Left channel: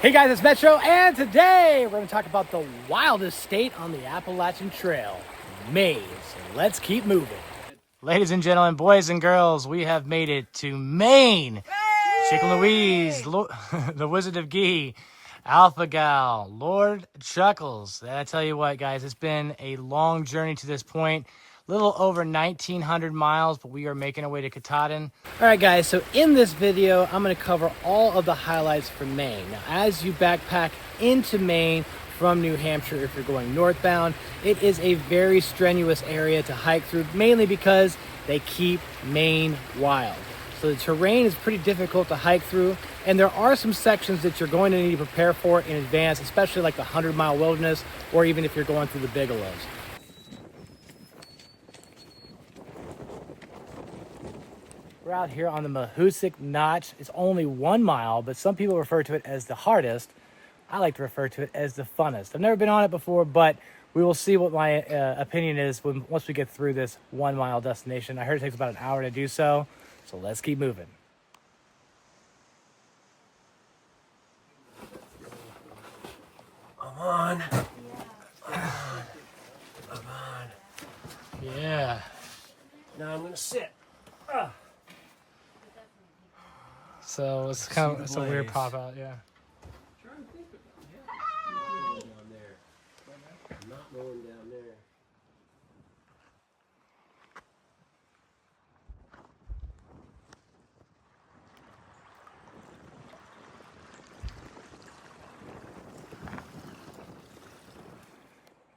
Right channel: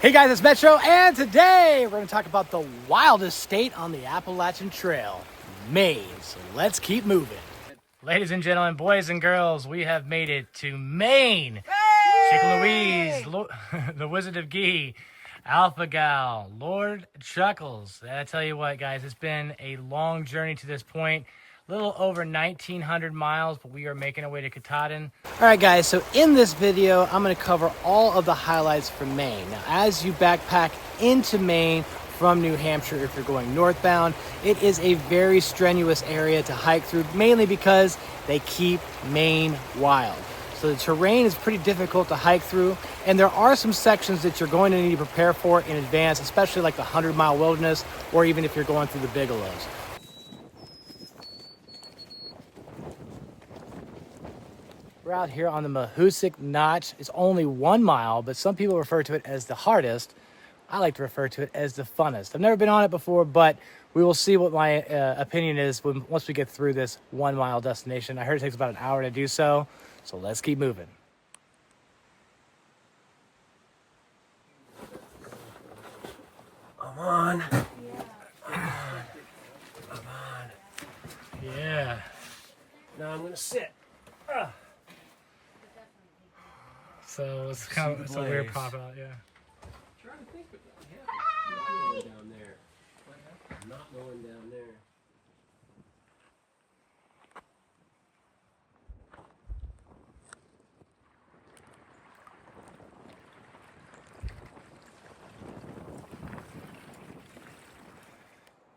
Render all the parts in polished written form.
Hey guys, it's Metro, and today we're going to talk about the wildest state on the Appalachian Trail, Maine. So let's keep moving. Ladies and gentlemen, boys and girls, we have made it to Maine. Chicken Louise, the Wizard of Gee, Alpha Gal, Lord Chuckles. I tell you what, guys, it's been a long journey to this point. A little over 1,900 miles, but we are making our way to Katahdin. All right, guys, so in this video, I'm going to cover all of the highlights from Maine. Now, as you backpack into Maine from New Hampshire, if you're going northbound, it is a very strenuous area to hike through, mainly because they keep Maine wild. So the terrain is pretty difficult to hike through, and there are some sections that you're going to need to prepare for in advance, especially like the 100-mile wilderness, or even if you're going through the Bigelows. We're out here on the Mahoosuc Notch. It's only 1 mile, but some people refer to it as the hardest. I like to refer to it as the funnest. I've never been on it before, but we will see what my opinion is once we get through this 1 mile destination. I heard it takes about an hour to do so, so let's keep moving. Come on. Come on. Yeah. Now I'm gonna sit. So it's kind of a weird pop out, yeah. Down there. I'm not going down there.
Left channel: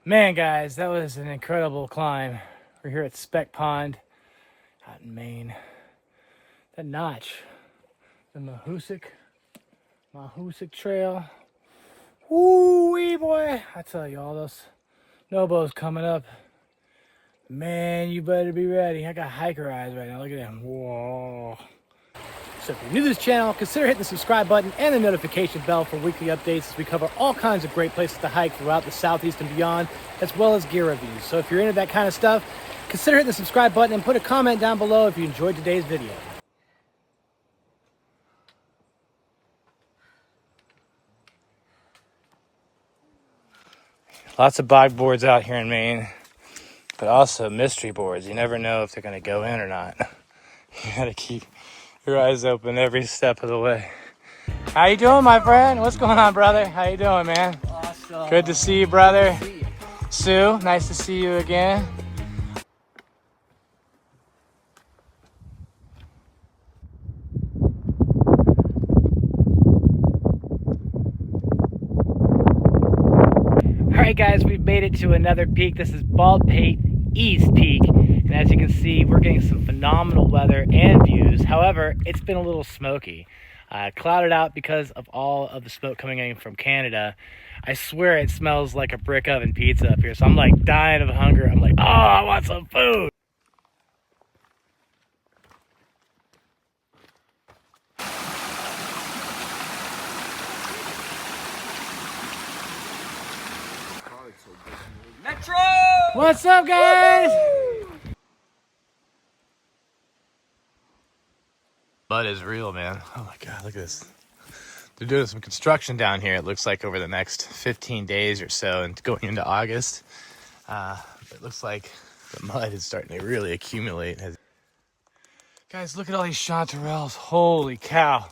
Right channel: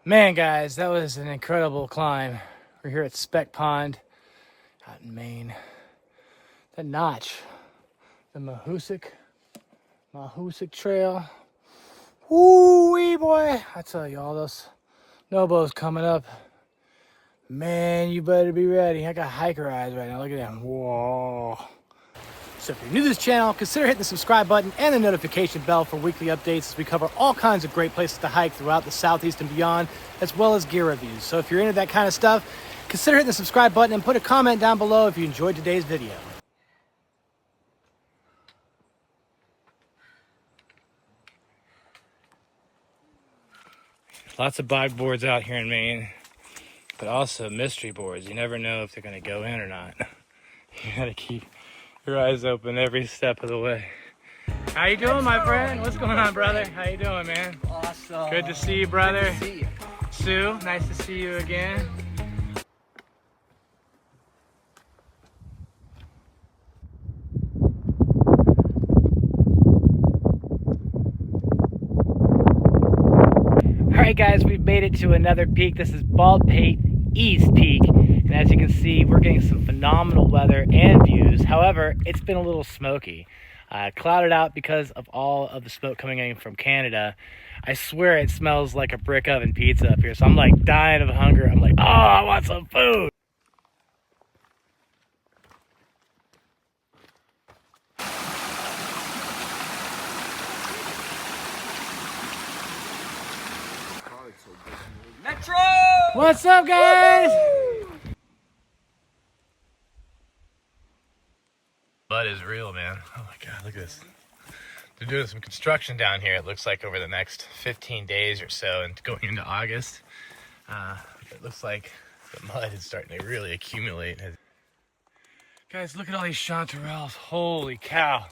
Man, guys, that was an incredible climb. We're here at Speck Pond out in Maine. That notch, the Mahoosuc Trail. Woo-wee, boy. I tell you, all those snowballs coming up. Man, you better be ready. I got hiker eyes right now. Look at them. Whoa. So if you're new to this channel, consider hitting the subscribe button and the notification bell for weekly updates as we cover all kinds of great places to hike throughout the Southeast and beyond, as well as gear reviews. So if you're into that kind of stuff, consider hitting the subscribe button and put a comment down below if you enjoyed today's video. Lots of bog boards out here in Maine, but also mystery boards. You never know if they're going to go in or not. You got to keep your eyes open every step of the way. How you doing, my friend? What's going on, brother? How you doing, man? Awesome. Good to see you, brother. Good to see you. Sue, nice to see you again. All right, guys, we've made it to another peak. This is Bald Pate East Peak, and as you can see, we're getting some phenomenal weather and views. However, it's been a little smoky, clouded out because of all of the smoke coming in from Canada. I swear it smells like a brick oven pizza up here, so I'm like dying of hunger. I'm like, oh, I want some food. Metro! What's up, guys? Mud is real, man. Oh my God, look at this. They're doing some construction down here, it looks like, over the next 15 days or so, and going into August. It looks like the mud is starting to really accumulate. Guys, look at all these chanterelles. Holy cow.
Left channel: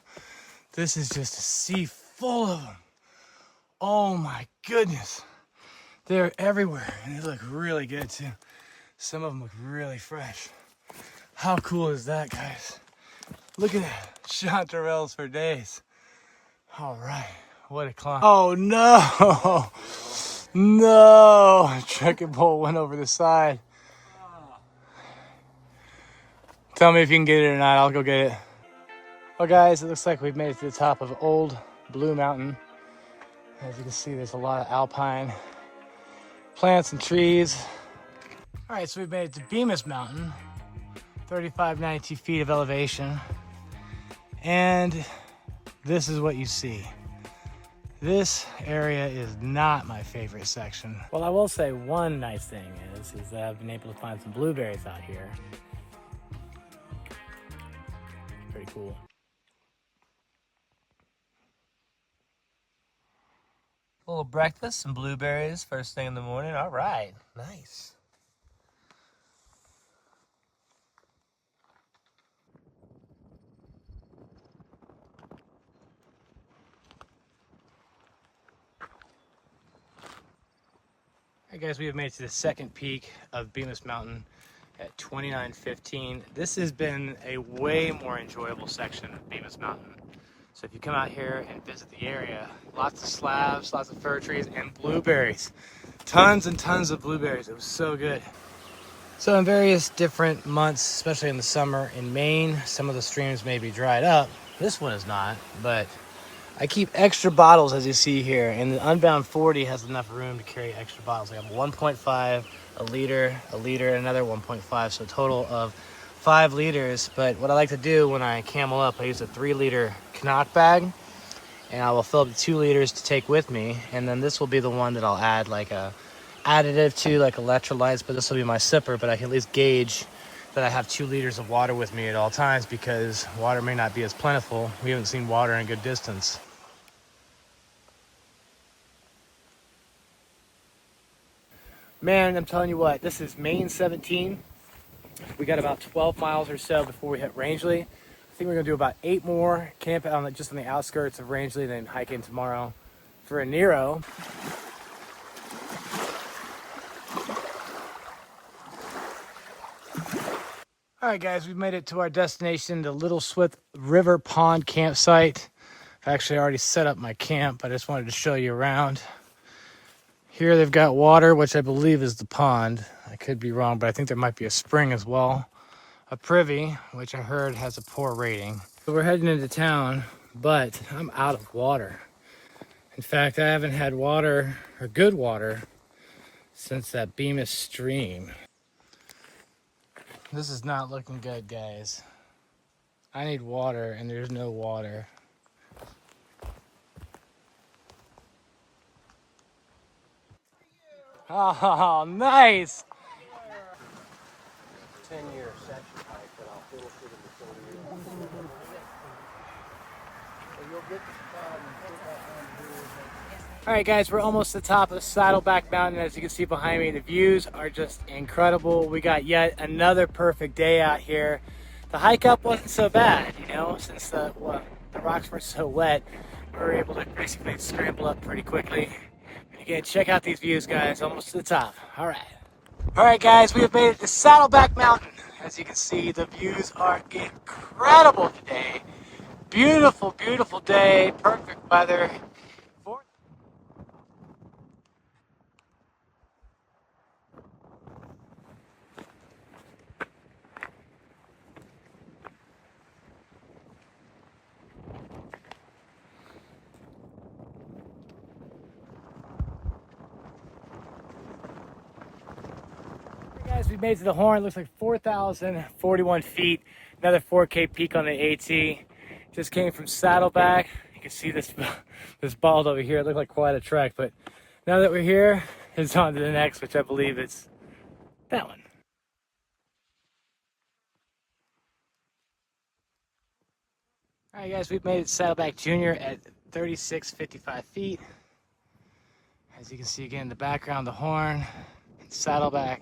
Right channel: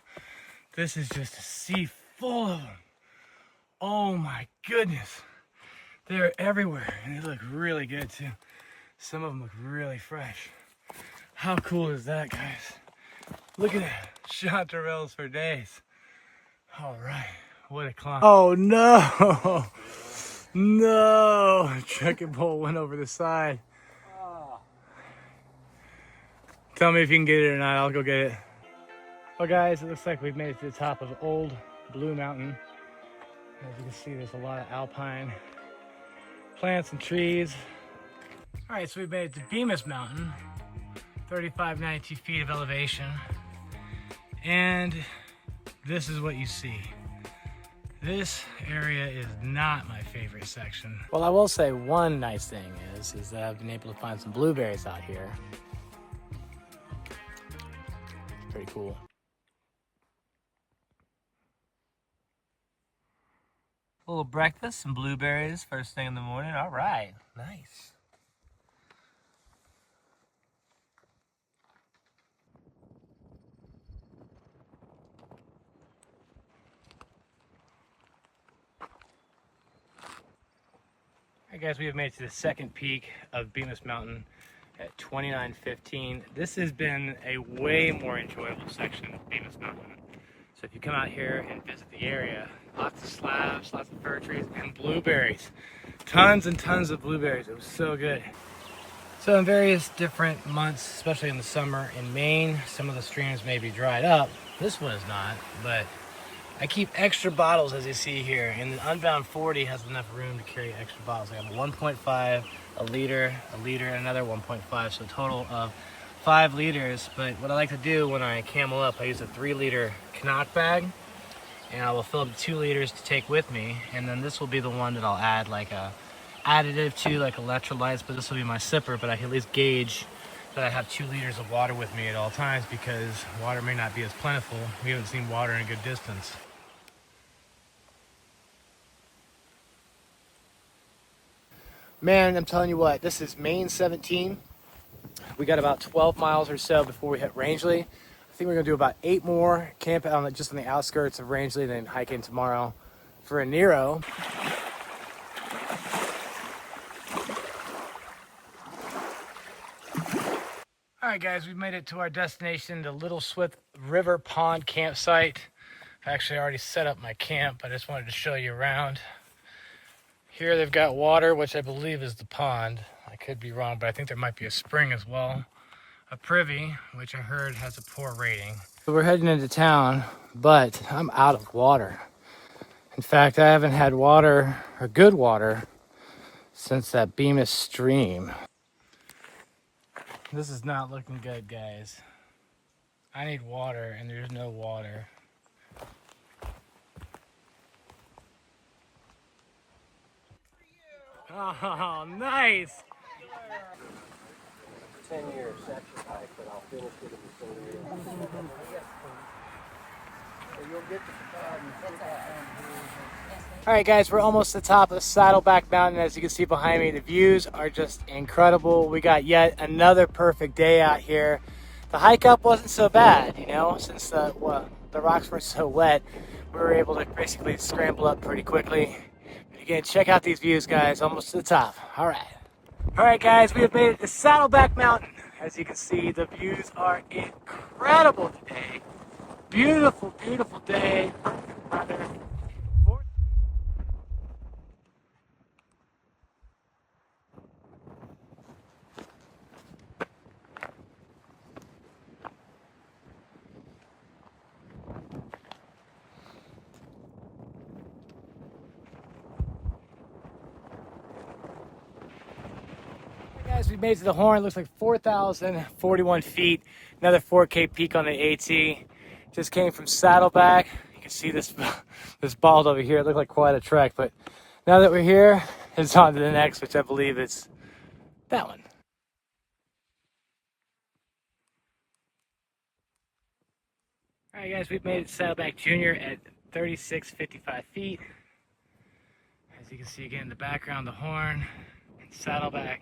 This is just a sea full of them. Oh my goodness. They're everywhere, and they look really good too. Some of them look really fresh. How cool is that, guys? Look at that, chanterelles for days. All right, what a climb. Oh no, no, trekking pole went over the side. Tell me if you can get it or not, I'll go get it. Well, guys, it looks like we've made it to the top of Old Blue Mountain. As you can see, there's a lot of alpine plants and trees. All right, so we've made it to Bemis Mountain, 3,592 feet of elevation. And this is what you see. This area is not my favorite section. Well, I will say one nice thing is that I've been able to find some blueberries out here. Pretty cool. little breakfast, some blueberries first thing in the morning. All right, nice. All right, guys, we have made it to the second peak of Bemis Mountain at 29:15. This has been a way more enjoyable section of Bemis Mountain. So if you come out here and visit the area, lots of slabs, lots of fir trees, and blueberries. Tons and tons of blueberries. It was so good. So in various different months, especially in the summer in Maine, some of the streams may be dried up. This one is not, but I keep extra bottles, as you see here, and the Unbound 40 has enough room to carry extra bottles. I have 1.5, a liter, another 1.5, so a total of 5 liters. But what I like to do when I camel up, I use a 3-liter CNOC bag, and I will fill up 2 liters to take with me, and then this will be the one that I'll add like a additive to, like electrolytes, but this will be my sipper, but I can at least gauge that I have 2 liters of water with me at all times, because water may not be as plentiful. We haven't seen water in a good distance. Man, I'm telling you what, this is Maine 17. We got about 12 miles or so before we hit Rangeley. I think we're gonna do about 8 more, camp out just on the outskirts of Rangeley, then hike in tomorrow for a Nero. All right, guys, we've made it to our destination, the Little Swift River Pond campsite. I actually already set up my camp. I just wanted to show you around. Here they've got water, which I believe is the pond. I could be wrong, but I think there might be a spring as well. A privy, which I heard has a poor rating. So we're heading into town, but I'm out of water. In fact, I haven't had water, or good water, since that Bemis stream. This is not looking good, guys. I need water, and there's no water. Oh, nice! 10-year section hike that I'll finish it in the 30 years. All right, guys, we're almost at the top of Saddleback Mountain. As you can see behind me, the views are just incredible. We got yet another perfect day out here. The hike up wasn't so bad, you know, since the rocks were so wet. We were able to basically scramble up pretty quickly. Again, check out these views, guys, almost to the top. All right, guys, we have made it to Saddleback Mountain. As you can see, the views are incredible today. Beautiful, beautiful day, perfect weather. Guys, we made it to the horn. It looks like 4,041 feet. Another 4K peak on the AT. Just came from Saddleback. You can see this bald over here. It looked like quite a trek, but now that we're here, it's on to the next, which I believe is that one. All right, guys, we've made it to Saddleback Junior at 3655 feet. As you can see again in the background, the horn, and Saddleback.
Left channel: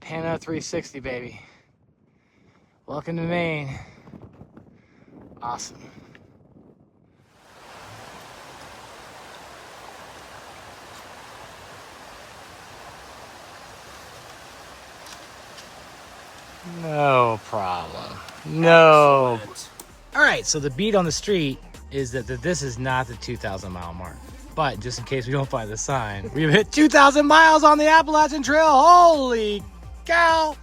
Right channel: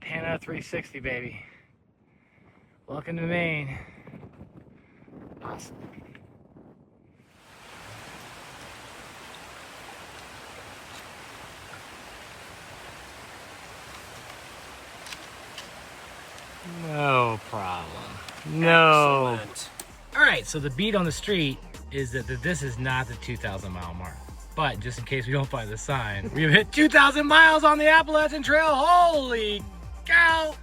Pano 360, baby. Welcome to Maine. Awesome. No problem. No. Excellent. All right, so the beat on the street is that this is not the 2,000 mile mark. But just in case we don't find the sign, we've hit 2,000 miles on the Appalachian Trail. Holy cow!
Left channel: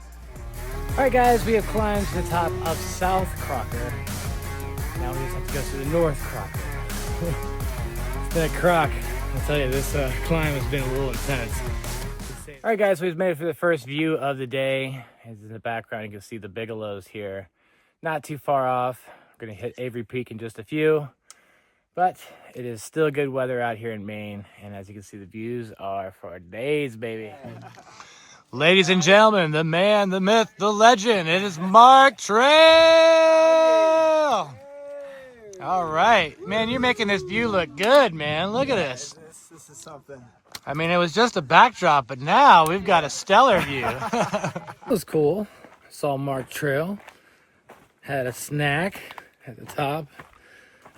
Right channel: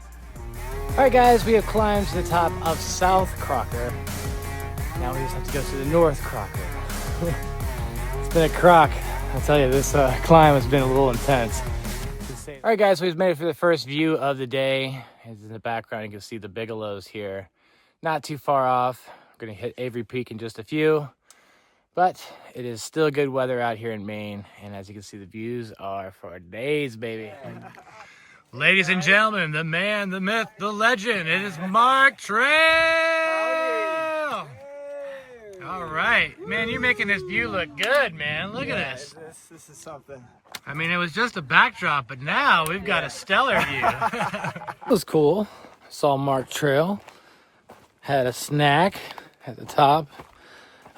All right, guys, we have climbed to the top of South Crocker. Now we just have to go to the North Crocker. It's been a crock. I'll tell you, this climb has been a little intense. All right, guys, we've made it for the first view of the day. As in the background, you can see the Bigelows here. Not too far off. We're gonna hit Avery Peak in just a few. But it is still good weather out here in Maine. And as you can see, the views are for days, baby. Ladies and gentlemen, the man, the myth, the legend. It is Mark Trail. All right, man, you're making this view look good, man. Look at this. This is something. I mean, it was just a backdrop, but now we've got a stellar view. It was cool. Saw Mark Trail. Had a snack at the top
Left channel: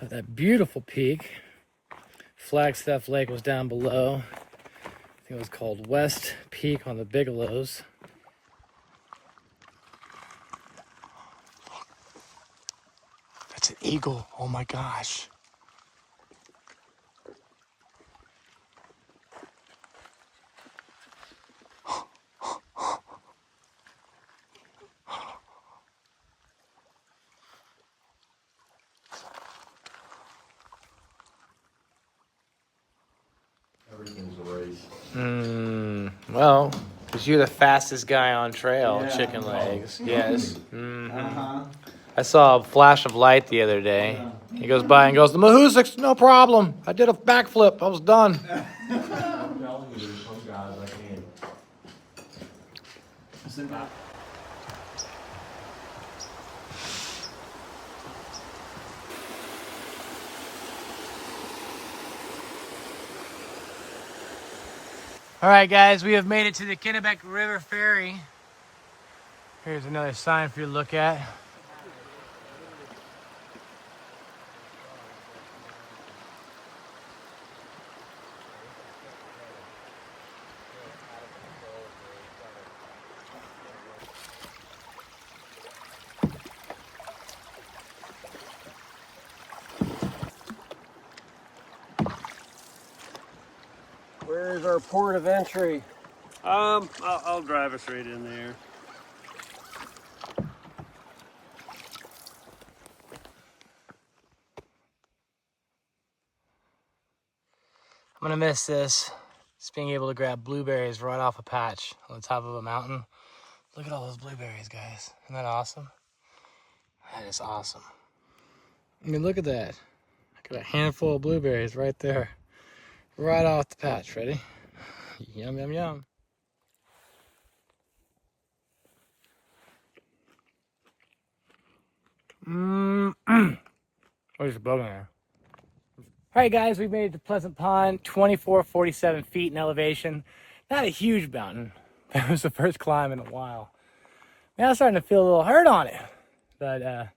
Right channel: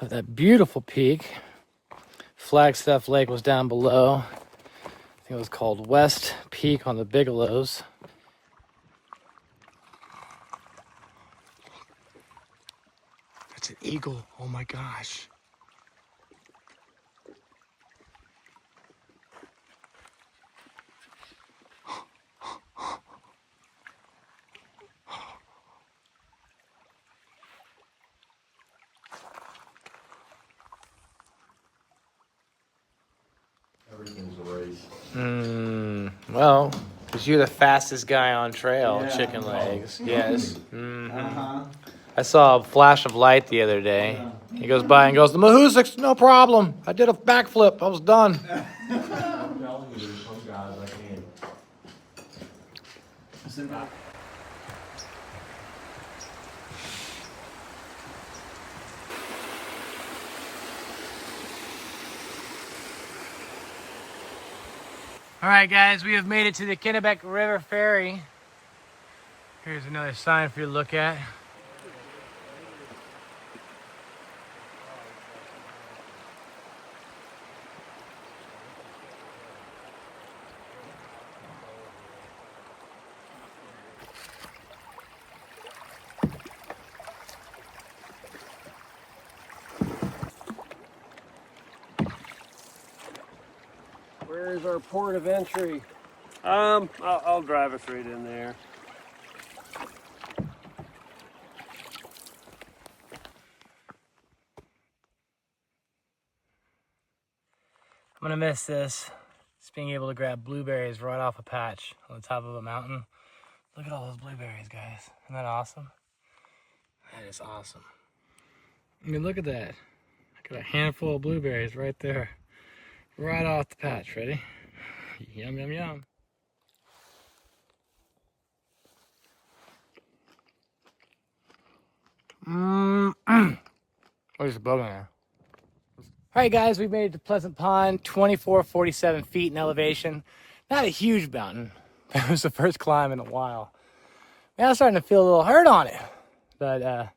of that beautiful peak. Flagstaff Lake was down below. I think it was called West Peak on the Bigelows. That's an eagle. Oh my gosh. Everything's a race. Well, because you're the fastest guy on trail, Yeah. chicken legs. Yes. Uh-huh. I saw a flash of light the other day. He goes by and goes, the Mahoosuc's no problem. I did a backflip. I was done. I'm telling you, there's some guys I can't. All right, guys, we have made it to the Kennebec River Ferry. Here's another sign for you to look at. Where's our port of entry? I'll drive us right in there. I'm gonna miss this. Just being able to grab blueberries right off a patch on the top of a mountain. Look at all those blueberries, guys. Isn't that awesome? That is awesome. I mean, look at that. I got a handful of blueberries right there. Right off the patch. Ready? Yum, yum, yum. Where's the bug in there? All right, guys, we made it to Pleasant Pond, 2447 feet in elevation. Not a huge mountain, but it was the first climb in a while. Now I'm starting to feel a little hurt on it. But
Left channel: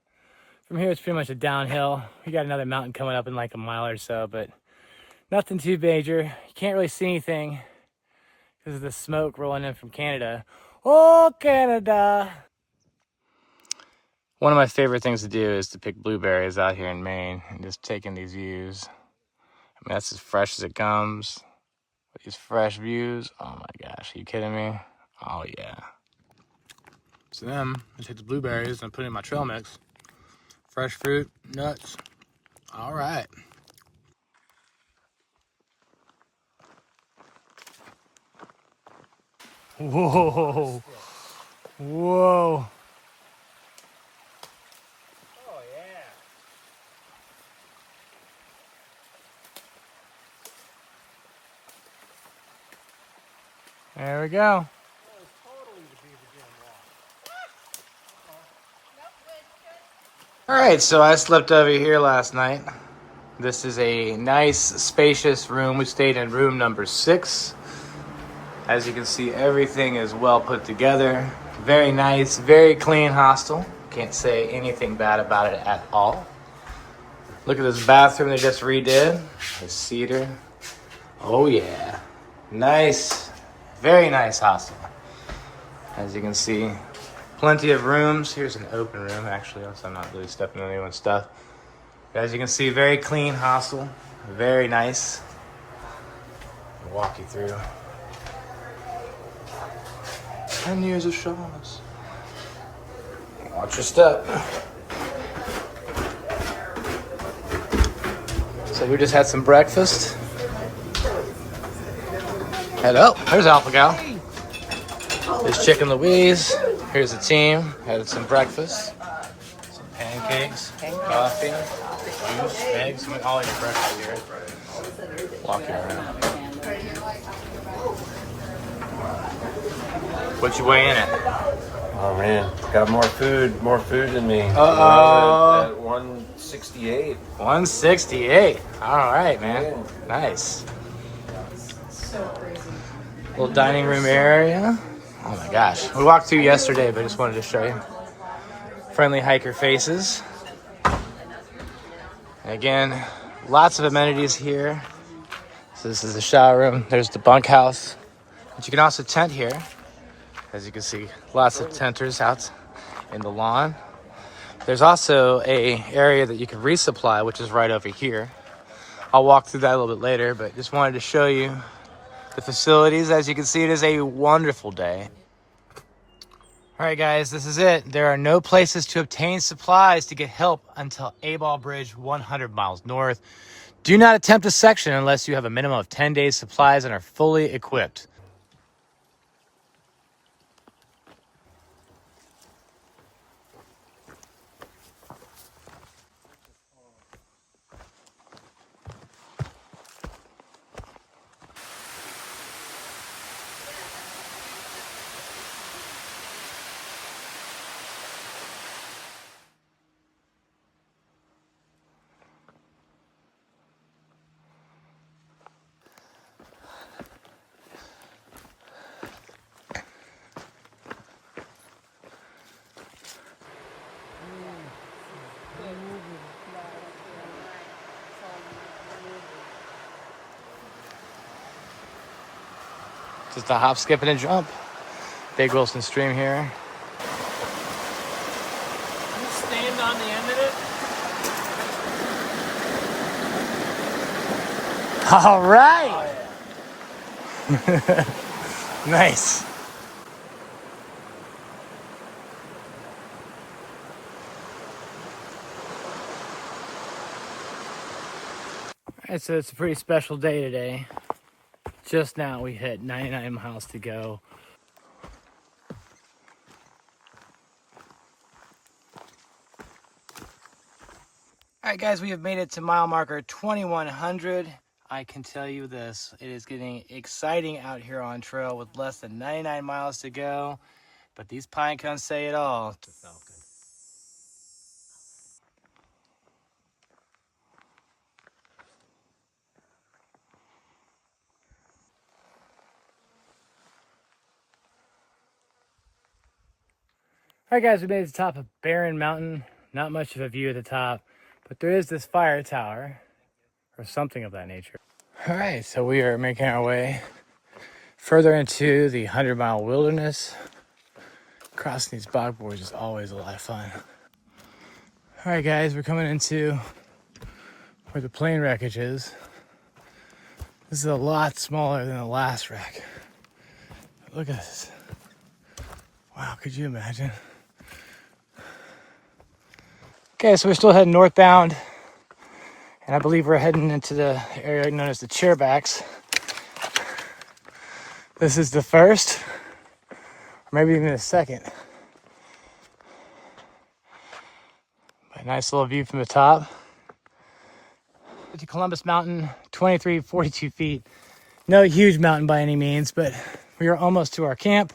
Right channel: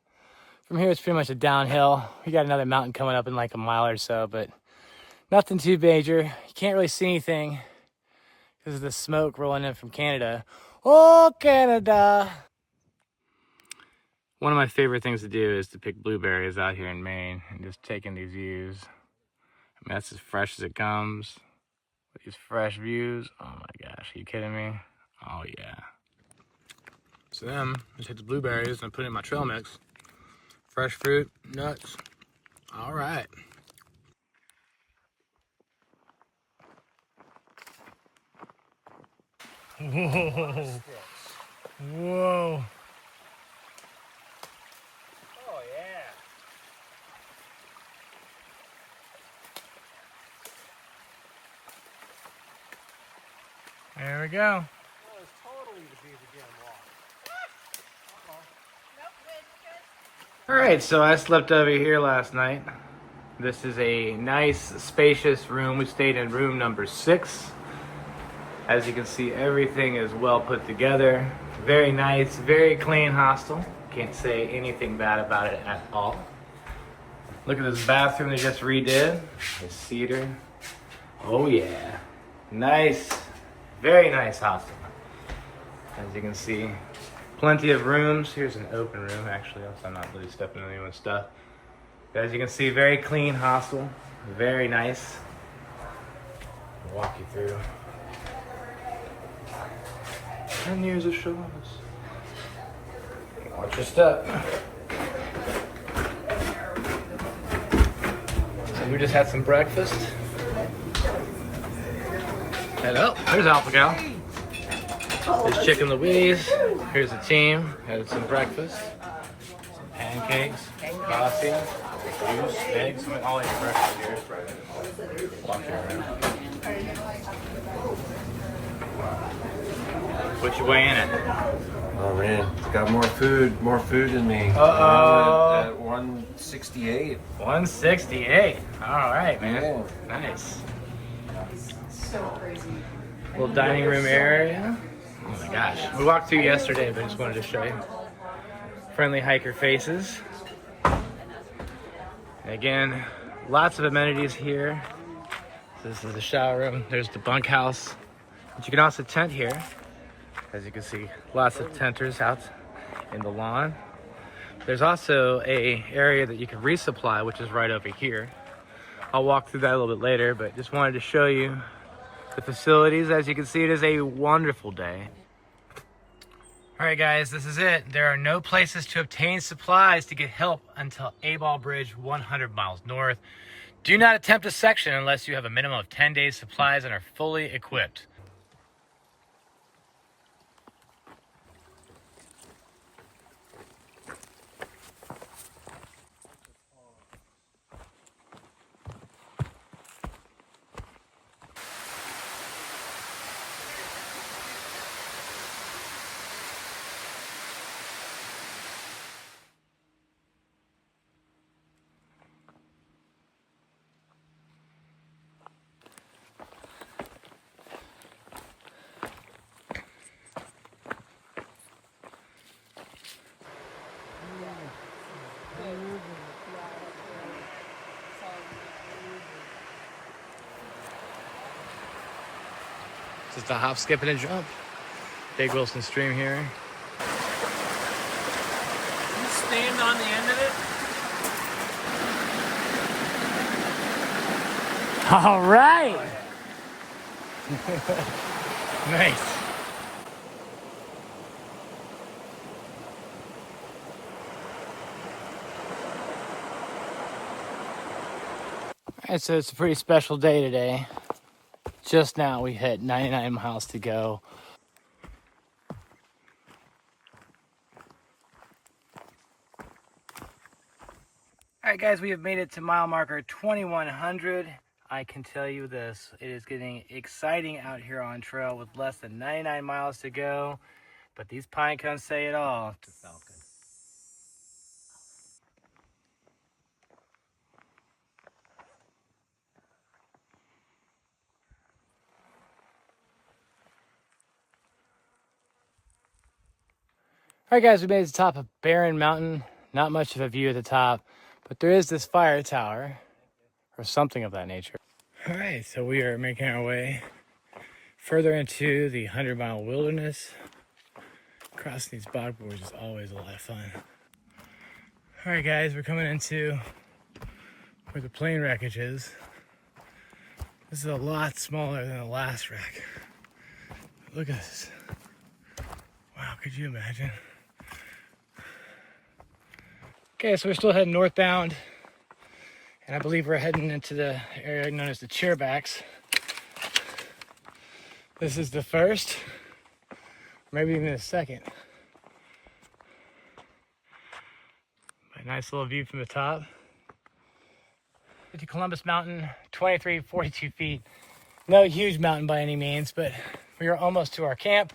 from here, it's pretty much a downhill. We got another mountain coming up in like a mile or so, but nothing too major. You can't really see anything because of the smoke rolling in from Canada. Oh, Canada! One of my favorite things to do is to pick blueberries out here in Maine and just taking these views. I mean, that's as fresh as it comes. These fresh views. Oh my gosh, are you kidding me? Oh yeah. So then I take the blueberries and put it in my trail mix. Fresh fruit, nuts. All right. Whoa. Whoa. Oh yeah. There we go. That was totally the Beaver Jam walk. All right, so I slept over here last night. This is a nice, spacious room. We stayed in room number 6. As you can see, everything is well put together. Very nice, very clean hostel. Can't say anything bad about it at all. Look at this bathroom they just redid. The cedar. Oh yeah. Nice, very nice hostel. As you can see, plenty of rooms. Here's an open room, actually, so I'm not really stepping on anyone's stuff. As you can see, very clean hostel. Very nice. I'll walk you through. 10 years of Shaw's. Watch your step. So we just had some breakfast. Hello, there's Alpha Gal. There's Chicken Louise. Here's the team. Had some breakfast. Some pancakes, coffee, juice, eggs. All your breakfast here. Walk you around. What you weighing in at? Oh man, got more food than me. Uh-oh. At 168. 168. All right, man. Yeah. Nice. Little dining room area. Oh my gosh. We walked through yesterday, but I just wanted to show you. Friendly hiker faces. And again, lots of amenities here. So this is the shower room. There's the bunkhouse. But you can also tent here. As you can see, lots of tenters out in the lawn. There's also a area that you can resupply, which is right over here. I'll walk through that a little bit later, but just wanted to show you the facilities. As you can see, it is a wonderful day. All right, guys, this is it. There are no places to obtain supplies to get help until Abol Bridge, 100 miles north. Do not attempt a section unless you have a minimum of 10 days supplies and are fully equipped. Just a hop, skip, and a jump. Big Wilson Stream here. You stained on the end of it? All right. Nice. All right, so it's a pretty special day today. Just now we hit 99 miles to go. All right, guys, we have made it to mile marker 2100. I can tell you this, it is getting exciting out here on trail with less than 99 miles to go. But these pine cones say it all. All right, guys, we made it to the top of Barren Mountain. Not much of a view at the top, but there is this fire tower or something of that nature. All right, so we are making our way further into the 100-mile wilderness. Crossing these bog boards is always a lot of fun. All right, guys, we're coming into where the plane wreckage is. This is a lot smaller than the last wreck. Look at this. Wow, could you imagine? Okay, so we're still heading northbound, and I believe we're heading into the area known as the Chairbacks. This is the first, or maybe even the second. A nice little view from the top. To Columbus Mountain, 2342 feet. No huge mountain by any means, but we are almost to our camp.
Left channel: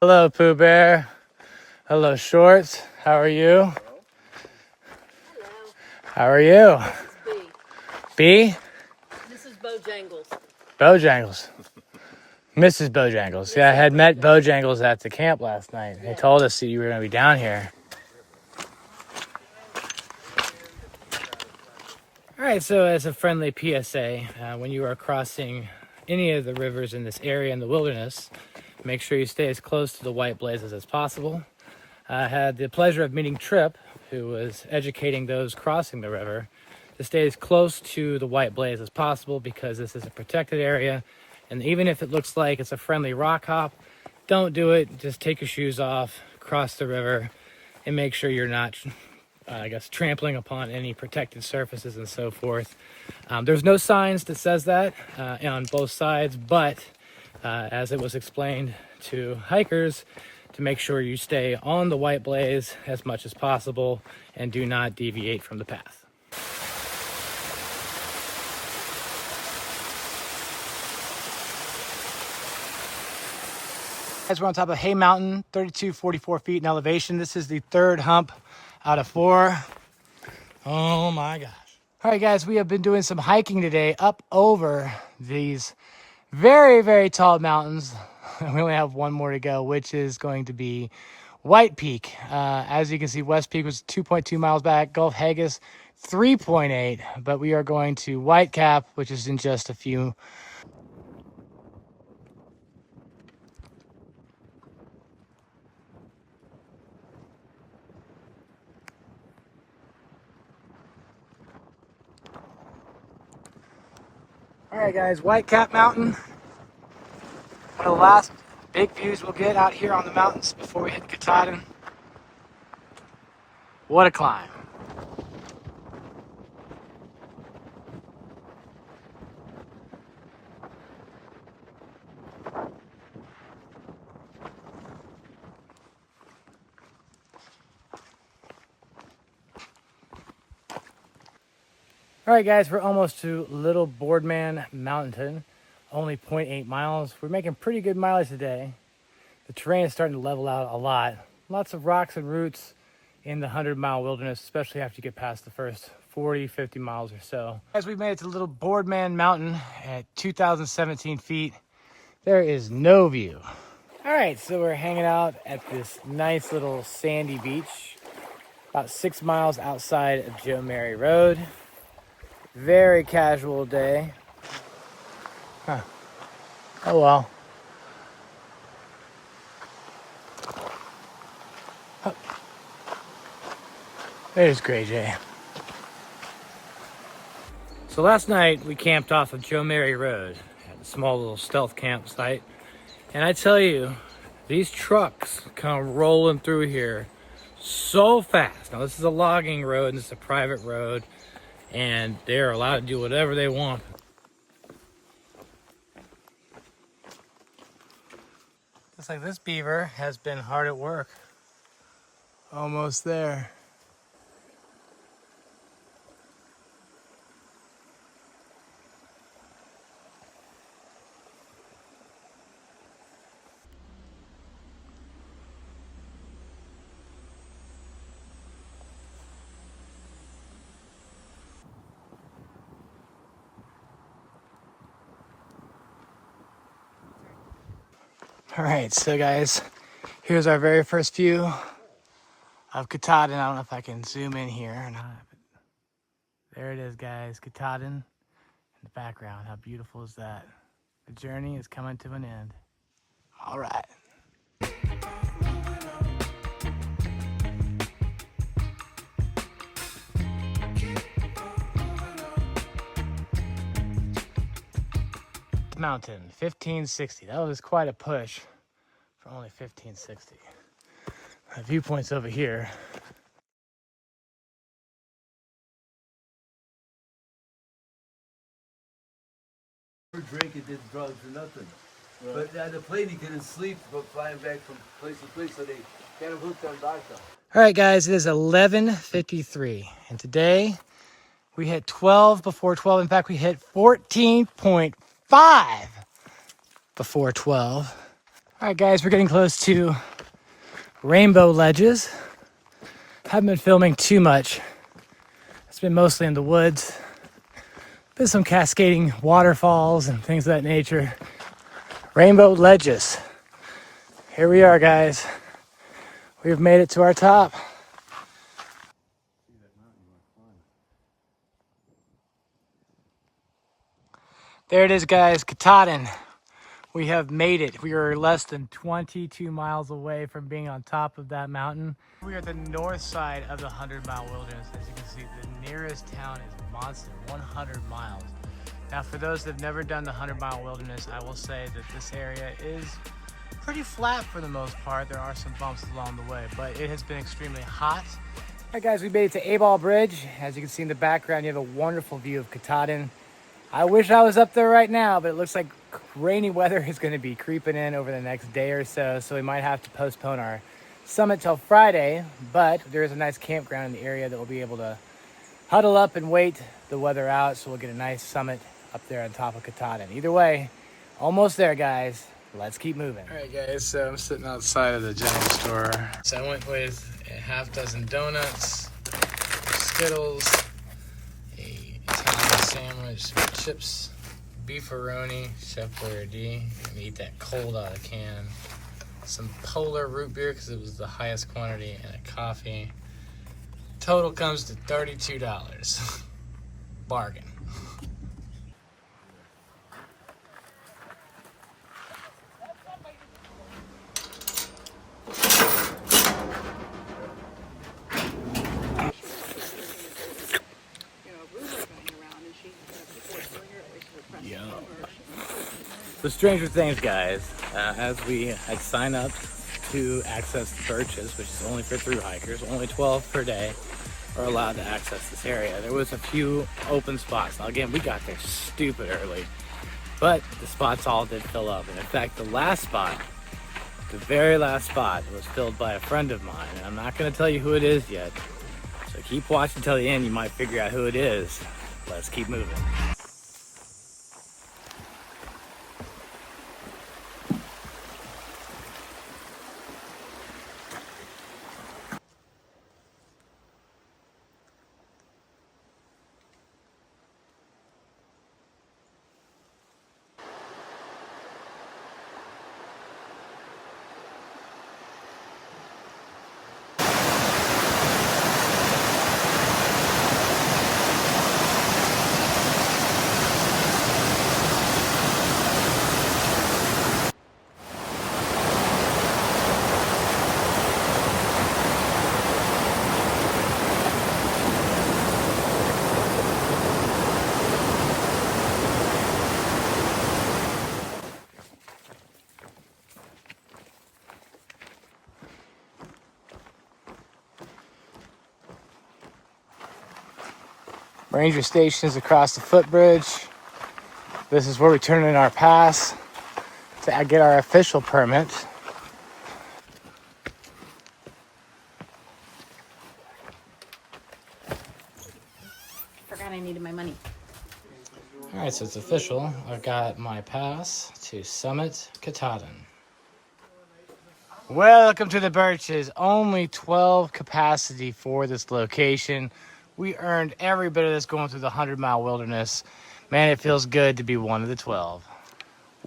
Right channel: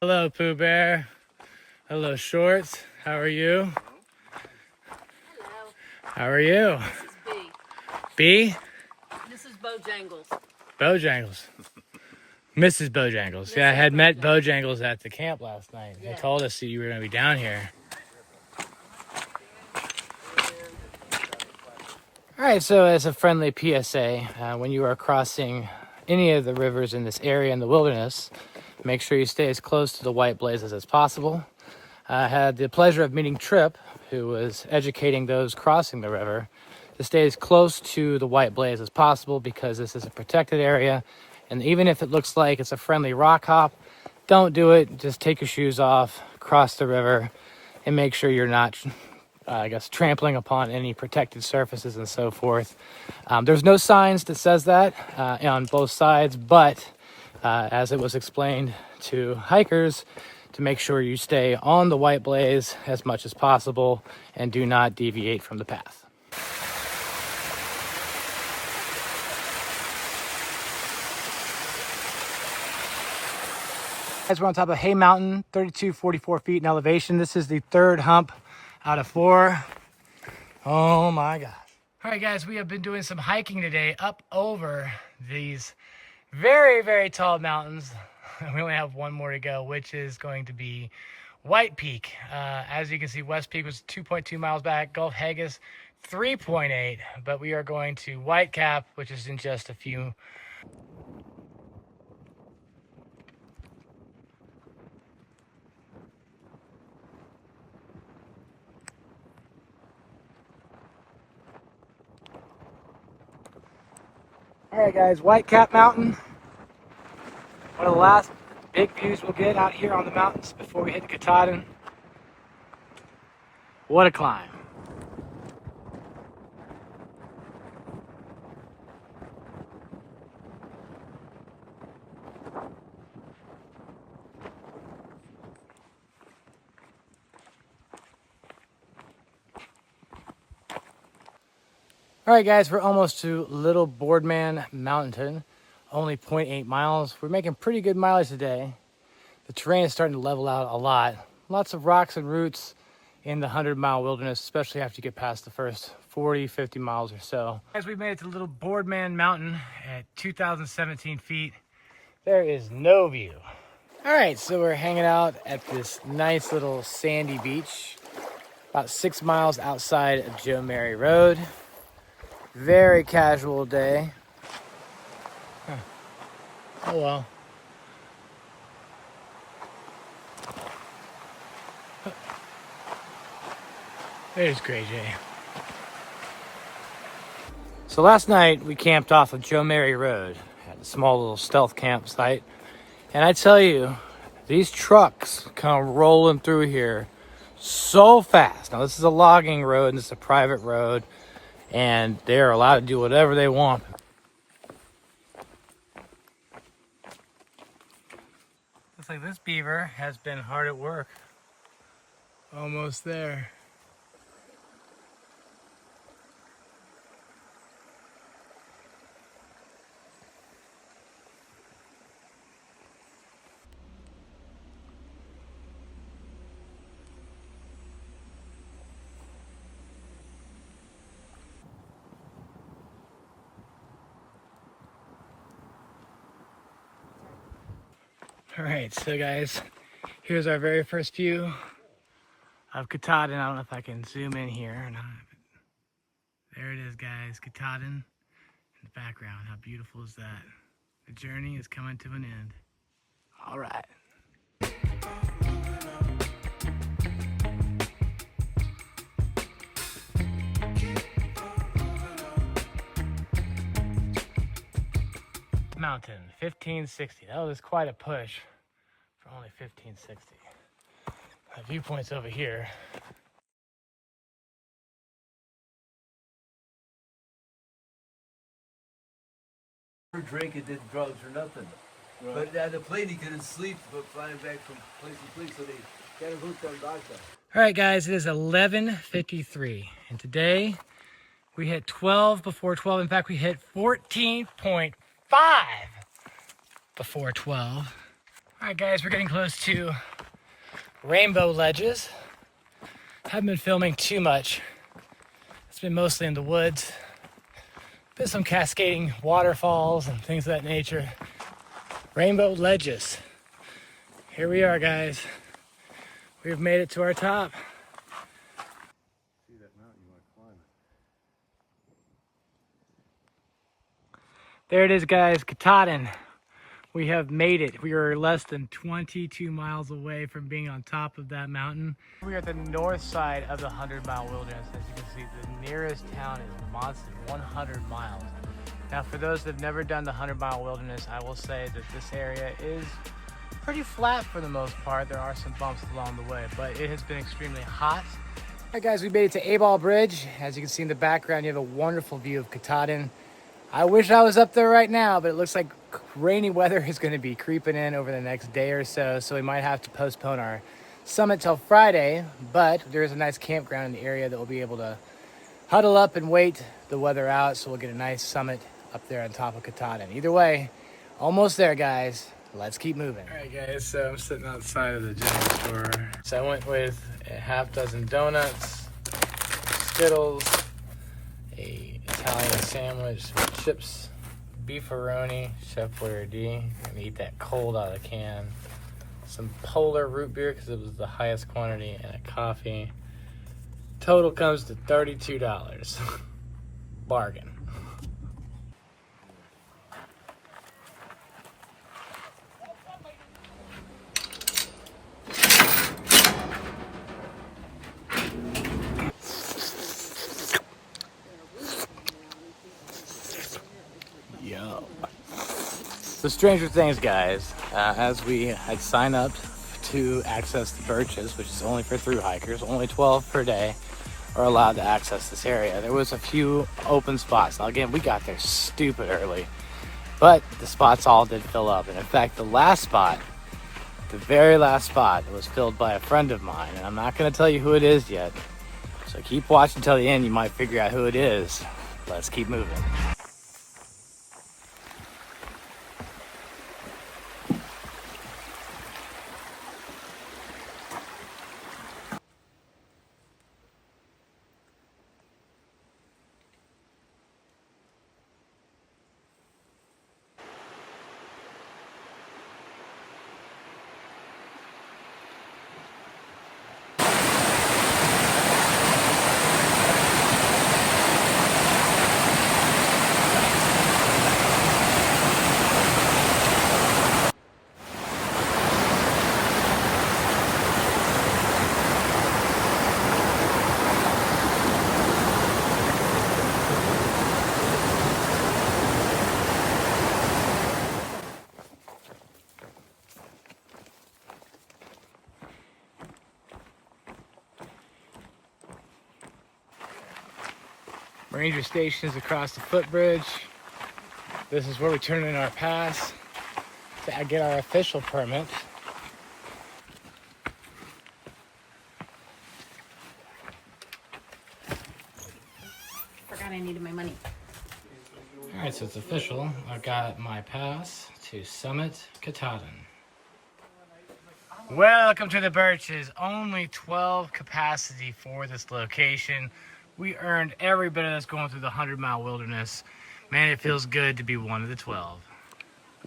Hello, Pooh Bear. Hello, Shorts. How are you? Hello, How are you? this is B. B? This is Bojangles. Bojangles. Mrs. Bojangles. Yeah, I had met Bojangles at the camp last night. He told us that you were going to be down here. All right, so as a friendly PSA, when you are crossing any of the rivers in this area in the wilderness, make sure you stay as close to the white blazes as possible. I had the pleasure of meeting Tripp, who was educating those crossing the river to stay as close to the white blaze as possible because this is a protected area. And even if it looks like it's a friendly rock hop, don't do it. Just take your shoes off, cross the river, and make sure you're not, trampling upon any protected surfaces and so forth. There's no signs that says that on both sides, but as it was explained to hikers, to make sure you stay on the white blaze as much as possible and do not deviate from the path. Guys, we're on top of Hay Mountain, 3244 feet in elevation. This is the third hump out of 4. Oh my gosh. All right, guys, we have been doing some hiking today up over these very, very tall mountains. We only have one more to go, which is going to be White Peak. As you can see, West Peak was 2.2 miles back, Gulf Haggis 3.8, but we are going to Whitecap, which is in just a few. All right, guys, Whitecap Mountain. One of the last big views we'll get out here on the mountains before we hit the Katahdin. What a climb. All right, guys, we're almost to Little Boardman Mountain, only 0.8 miles. We're making pretty good mileage today. The terrain is starting to level out a lot. Lots of rocks and roots in the 100-mile wilderness, especially after you get past the first 40, 50 miles or so. As we made it to Little Boardman Mountain at 2,017 feet, there is no view. All right, so we're hanging out at this nice little sandy beach, about 6 miles outside of Joe Mary Road. Very casual day. Huh. Oh well. Oh. There's Gray Jay. So last night we camped off of Joe Mary Road at a small little stealth campsite. And I tell you, these trucks come rolling through here so fast. Now this is a logging road and it's a private road, and they're allowed to do whatever they want. Looks like this beaver has been hard at work. Almost there. All right, so guys, here's our very first view of Katahdin. I don't know if I can zoom in here or not. But there it is, guys, Katahdin in the background. How beautiful is that? The journey is coming to an end. All right. Mountain, 1560. That was quite a push for only 1560. The viewpoint's over here. Drink and did drugs or nothing. Right. But the plane he couldn't sleep but flying back from place to place, so they got him hooked on vodka. All right, guys, it is 11:53, and today we hit 12 before 12. In fact, we hit 14.5 before 12. All right, guys, we're getting close to Rainbow Ledges. Haven't been filming too much. It's been mostly in the woods. Been some cascading waterfalls and things of that nature. Rainbow Ledges. Here we are, guys. We've made it to our top. There it is, guys, Katahdin. We have made it. We are less than 22 miles away from being on top of that mountain. We are at the north side of the 100-mile wilderness. As you can see, the nearest town is Monson, 100 miles. Now, for those that have never done the 100-mile wilderness, I will say that this area is pretty flat for the most part. There are some bumps along the way, but it has been extremely hot. All right, guys, we made it to Abol Bridge. As you can see in the background, you have a wonderful view of Katahdin. I wish I was up there right now, but it looks like rainy weather is going to be creeping in over the next day or so, so we might have to postpone our summit till Friday, but there is a nice campground in the area that we'll be able to huddle up and wait the weather out, so we'll get a nice summit up there on top of Katahdin. Either way, almost there, guys. Let's keep moving. All right, guys, so I'm sitting outside of the general store. So I went with a half dozen donuts, Skittles, a Italian sandwich, chips, beefaroni, Chef Boyardee. Gonna eat that cold out of the can. Some Polar root beer because it was the highest quantity, and a coffee. Total comes to $32. Bargain. So Stranger Things, guys, as we had signed up to access the Birches, which is only for thru hikers, only 12 per day are allowed to access this area. There was a few open spots. Now again, we got there stupid early, but the spots all did fill up. And in fact, the last spot, the very last spot, was filled by a friend of mine. And I'm not gonna tell you who it is yet. So keep watching till the end, you might figure out who it is. Let's keep moving. Ranger station is across the footbridge. This is where we turn in our pass to get our official permit. Forgot I needed my money. All right, so it's official. I've got my pass to Summit Katahdin. Welcome to the Birches. Only 12 capacity for this location. We earned every bit of this going through the 100-mile wilderness. Man, it feels good to be one of the 12.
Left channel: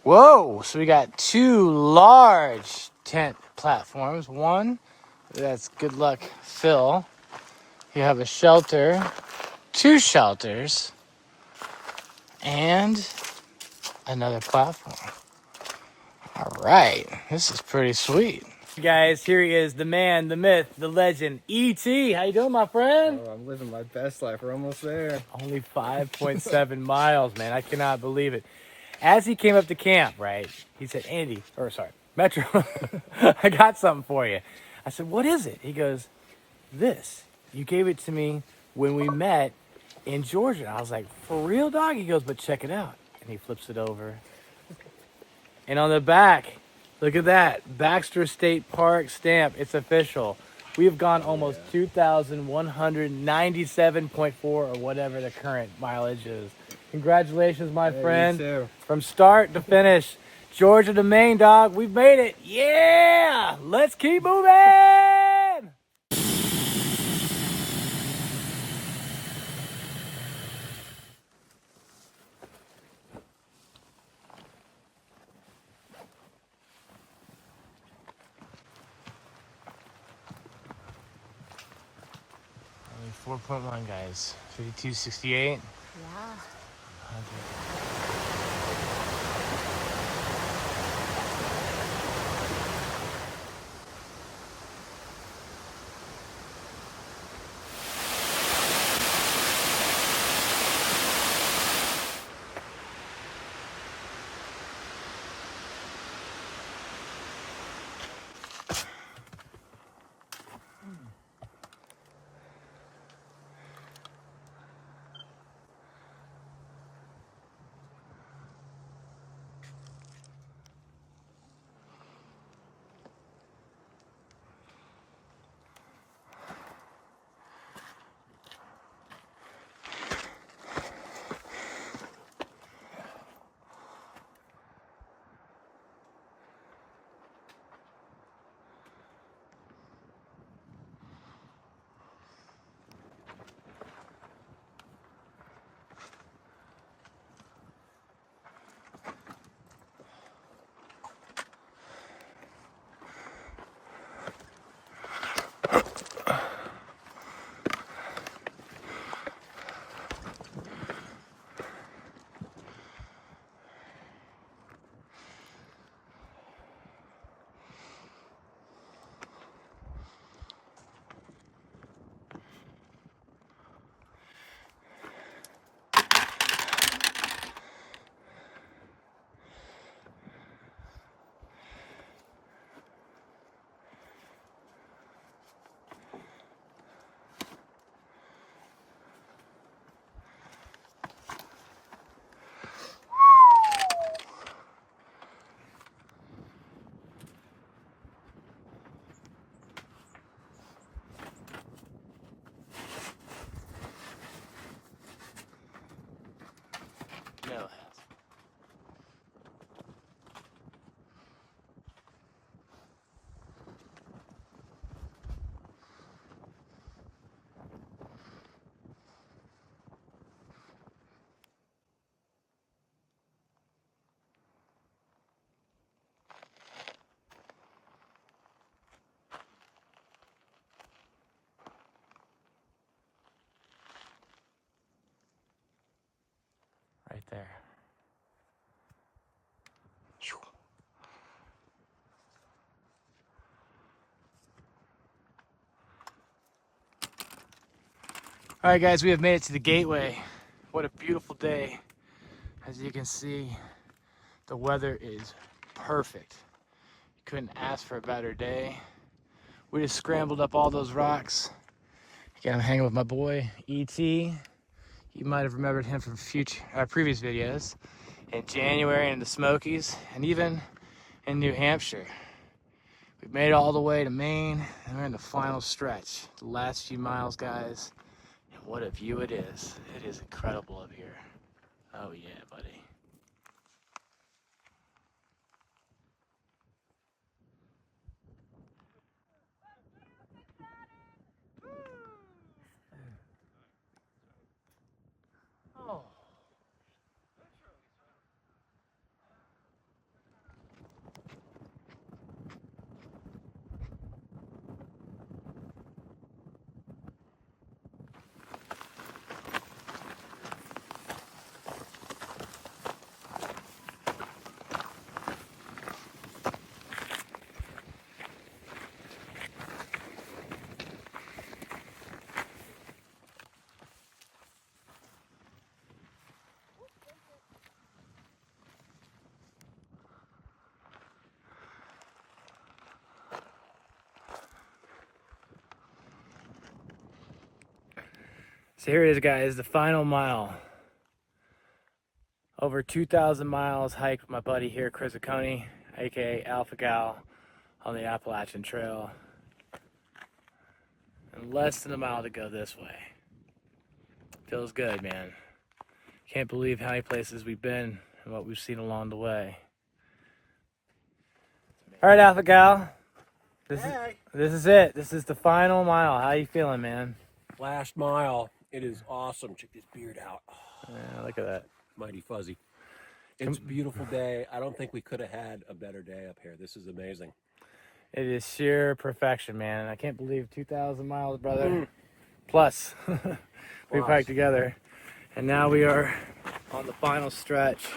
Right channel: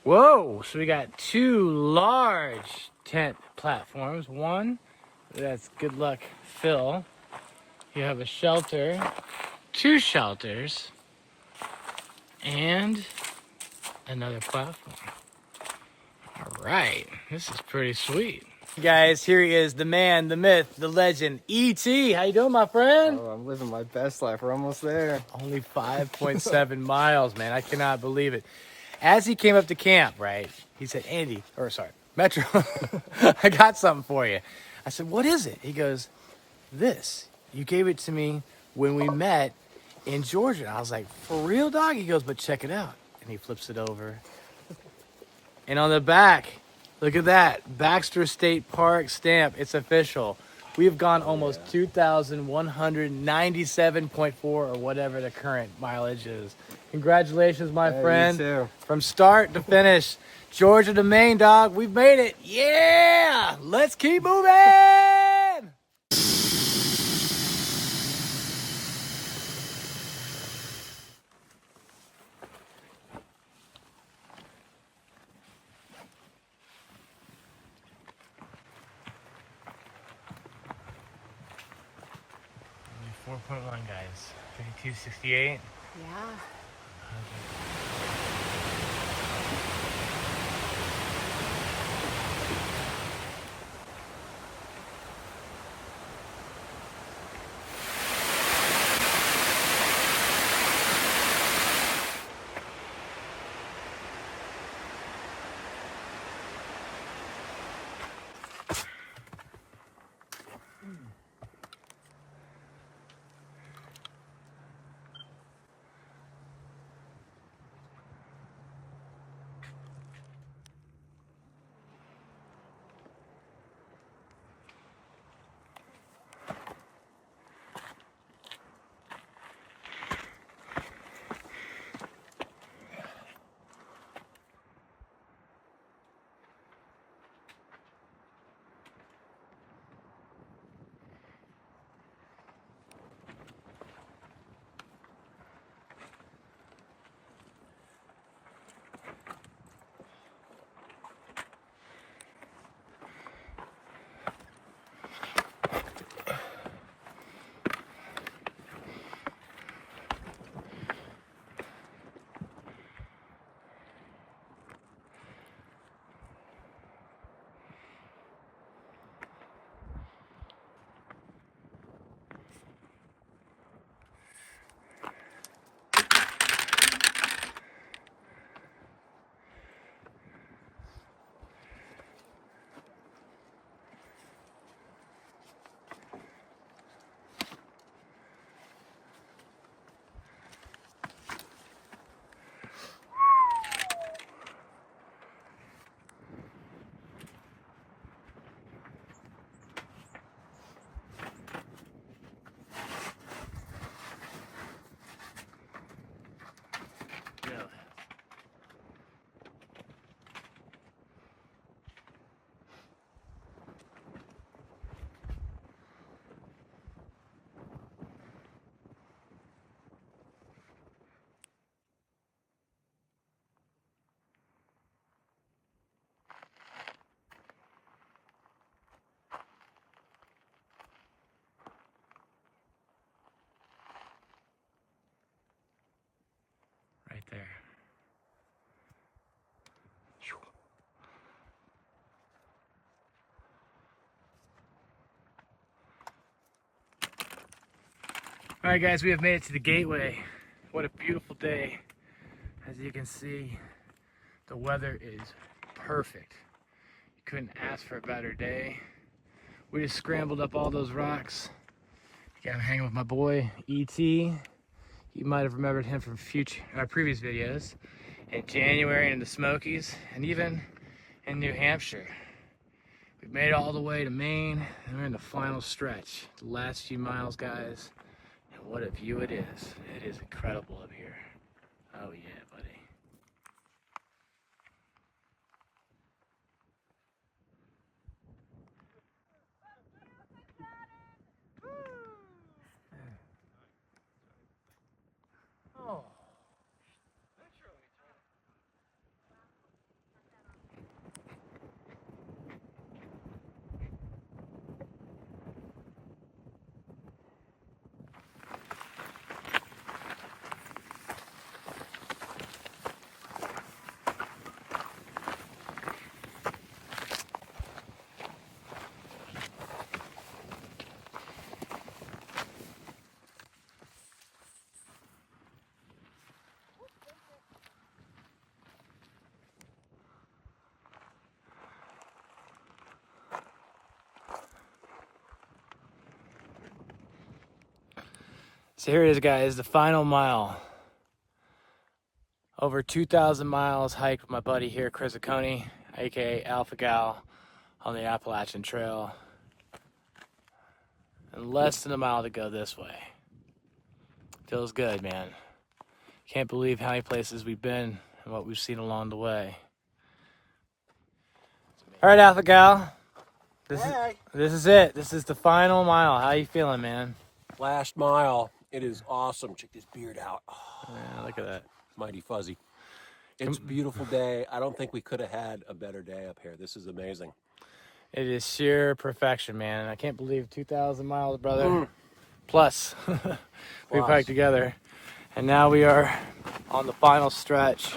Whoa, so we got two large tent platforms. One, that's good luck Phil. You have a shelter, two shelters, and another platform. All right, this is pretty sweet. Guys, here he is, the man, the myth, the legend, E.T. How you doing, my friend? Oh, I'm living my best life. We're almost there. Only 5.7 miles, man. I cannot believe it. As he came up to camp, right, he said, Metro, I got something for you. I said, what is it? He goes, this. You gave it to me when we met in Georgia. I was like, for real, dog? He goes, but check it out. And he flips it over. And on the back, look at that, Baxter State Park stamp. It's official. We have gone almost 2,197.4 or whatever the current mileage is. Congratulations, my friend. You too. From start to finish, Georgia to Maine, dog. We've made it. Yeah, let's keep moving. Only 4.1, guys. 52.68. Yeah. No. Right there. All right, guys, we have made it to the gateway. What a beautiful day. As you can see, the weather is perfect. Couldn't ask for a better day. We just scrambled up all those rocks. Again, I'm hanging with my boy, E.T. You might have remembered him from previous videos. In January in the Smokies, and even in New Hampshire. We've made it all the way to Maine, and we're in the final stretch. The last few miles, guys. And what a view it is. It is incredible up here. Oh yeah, buddy. Oh. So here it is, guys, the final mile. Over 2,000 miles hike with my buddy here, Chris Aconi, aka Alpha Gal, on the Appalachian Trail. And less than a mile to go this way. Feels good, man. Can't believe how many places we've been and what we've seen along the way. All right, Alpha Gal. This is it. This is the final mile. How you feeling, man? Last mile. It is awesome. Check this beard out. Yeah, look at that. Mighty fuzzy. It's a beautiful day. I don't think we could have had a better day up here. This is amazing. It is sheer perfection, man. I can't believe 2,000 miles, brother. Plus, we hiked together. And now we are on the final stretch.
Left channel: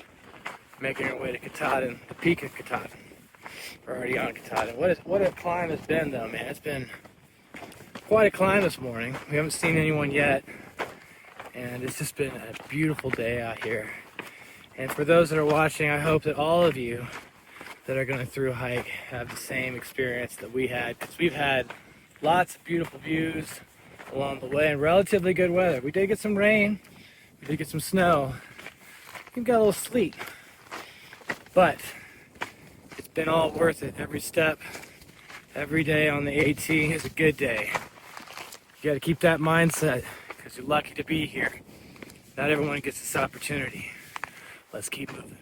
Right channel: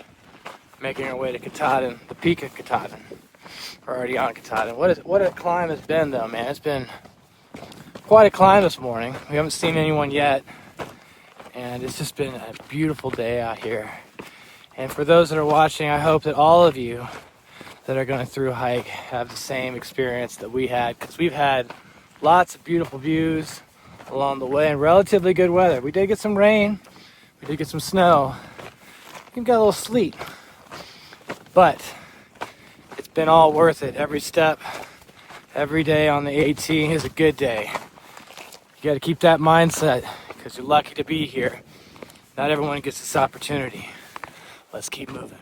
making our way to Katahdin, the peak of Katahdin. We're already on Katahdin. What a climb it's been though, man. It's been quite a climb this morning. We haven't seen anyone yet, and it's just been a beautiful day out here. And for those that are watching, I hope that all of you that are going through hike have the same experience that we had, because we've had lots of beautiful views along the way and relatively good weather. We did get some rain, we did get some snow, we got a little sleet, but it's been all worth it. Every step, every day on the AT is a good day. You got to keep that mindset, because you're lucky to be here. Not everyone gets this opportunity. Let's keep moving.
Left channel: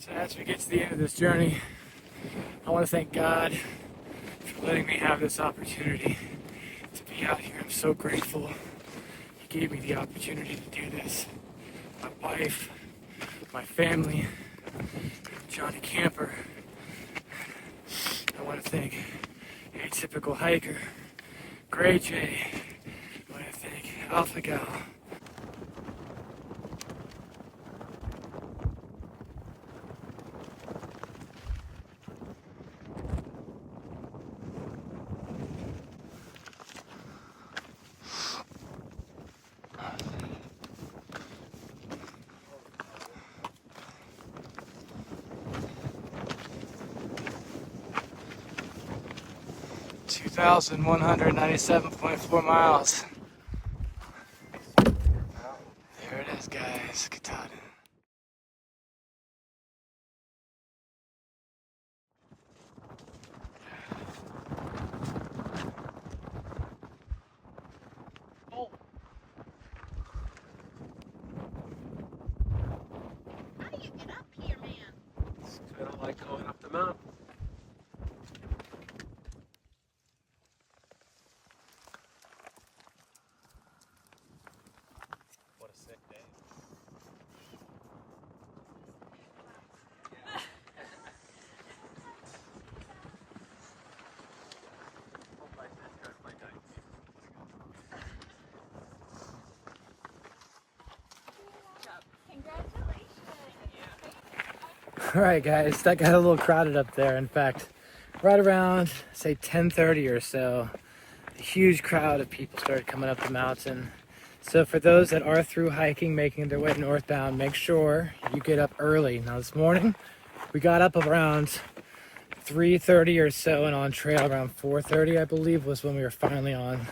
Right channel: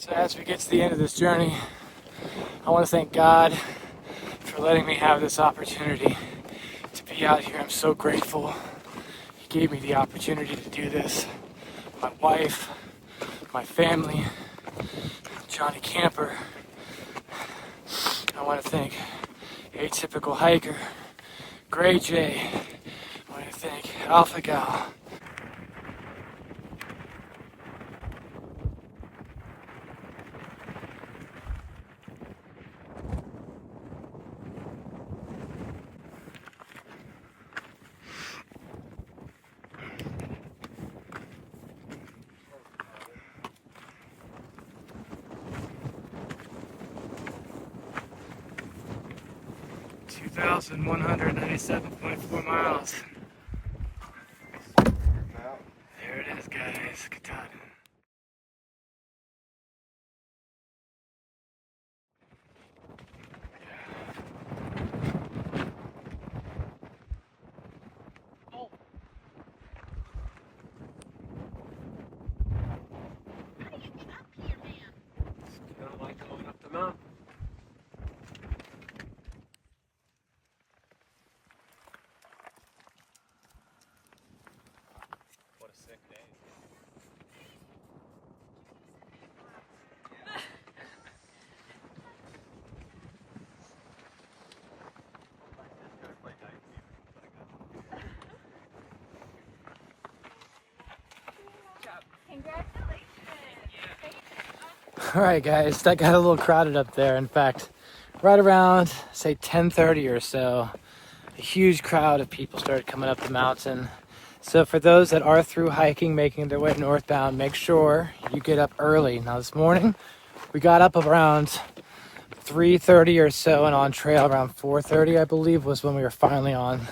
So as we get to the end of this journey, I want to thank God for letting me have this opportunity to be out here. I'm so grateful He gave me the opportunity to do this. My wife, my family, Johnny Camper. I want to thank Atypical Hiker, Gray Jay. I want to thank Alpha Gal. 2,197.4 miles. There it is, guys. Katahdin. How do you get up here, man? It's kind of like going up the mountain. What a sick day. All right, guys, that got a little crowded up there. In fact, right around, say, 10:30 or so, a huge crowd of people started coming up the mountain. So for those that are through hiking, making their way northbound, make sure you get up early. Now this morning, we got up around 3:30 or so, and on trail around 4:30, I believe, was when we were finally on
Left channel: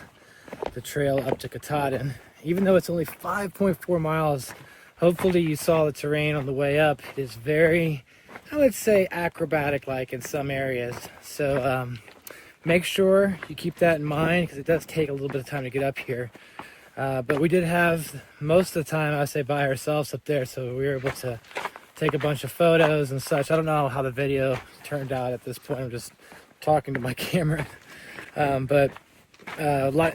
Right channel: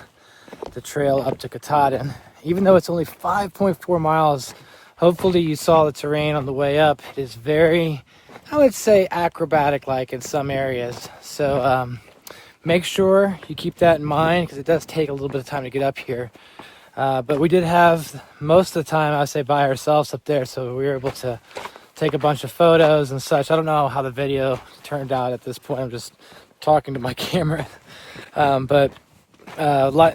the trail up to Katahdin. Even though it's only 5.4 miles, hopefully you saw the terrain on the way up. It is very, I would say, acrobatic-like in some areas. So make sure you keep that in mind, because it does take a little bit of time to get up here. But we did have most of the time, I would say, by ourselves up there, so we were able to take a bunch of photos and such. I don't know how the video turned out at this point. I'm just talking to my camera. But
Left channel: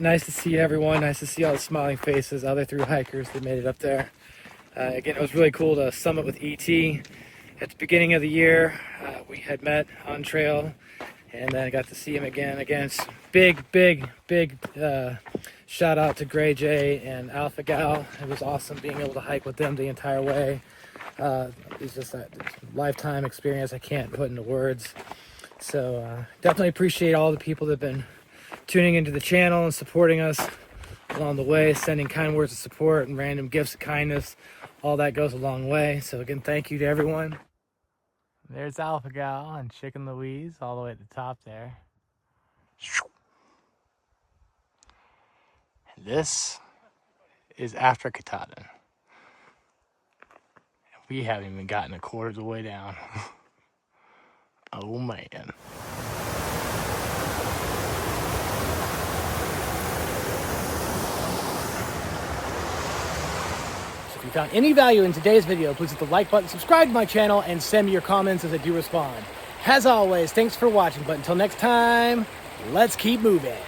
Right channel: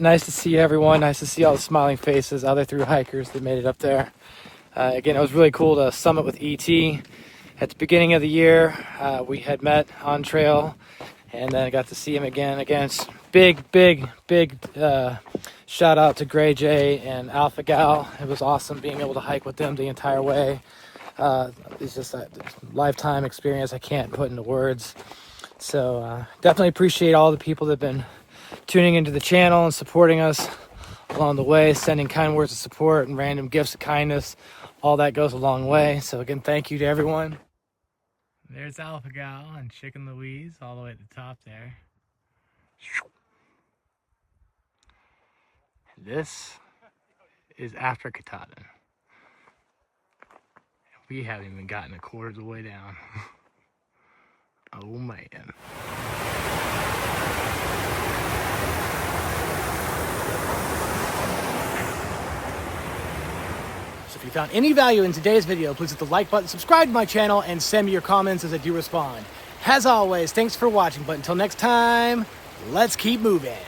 nice to see everyone. Nice to see all the smiling faces, other through hikers that made it up there. Again, it was really cool to summit with ET. At the beginning of the year, we had met on trail, and then I got to see him again. Again, big shout out to Gray Jay and Alpha Gal. It was awesome being able to hike with them the entire way. It's just a lifetime experience I can't put into words. So definitely appreciate all the people that have been tuning into the channel and supporting us along the way, sending kind words of support and random gifts of kindness. All that goes a long way. So again, thank you to everyone. There's Alpha Gal and Chicken Louise all the way at the top there. And this is after Katahdin. We haven't even gotten a quarter of the way down. Oh man. If you found any value in today's video, please hit the like button, subscribe to my channel, and send me your comments as I do respond. As always, thanks for watching, but until next time, let's keep moving.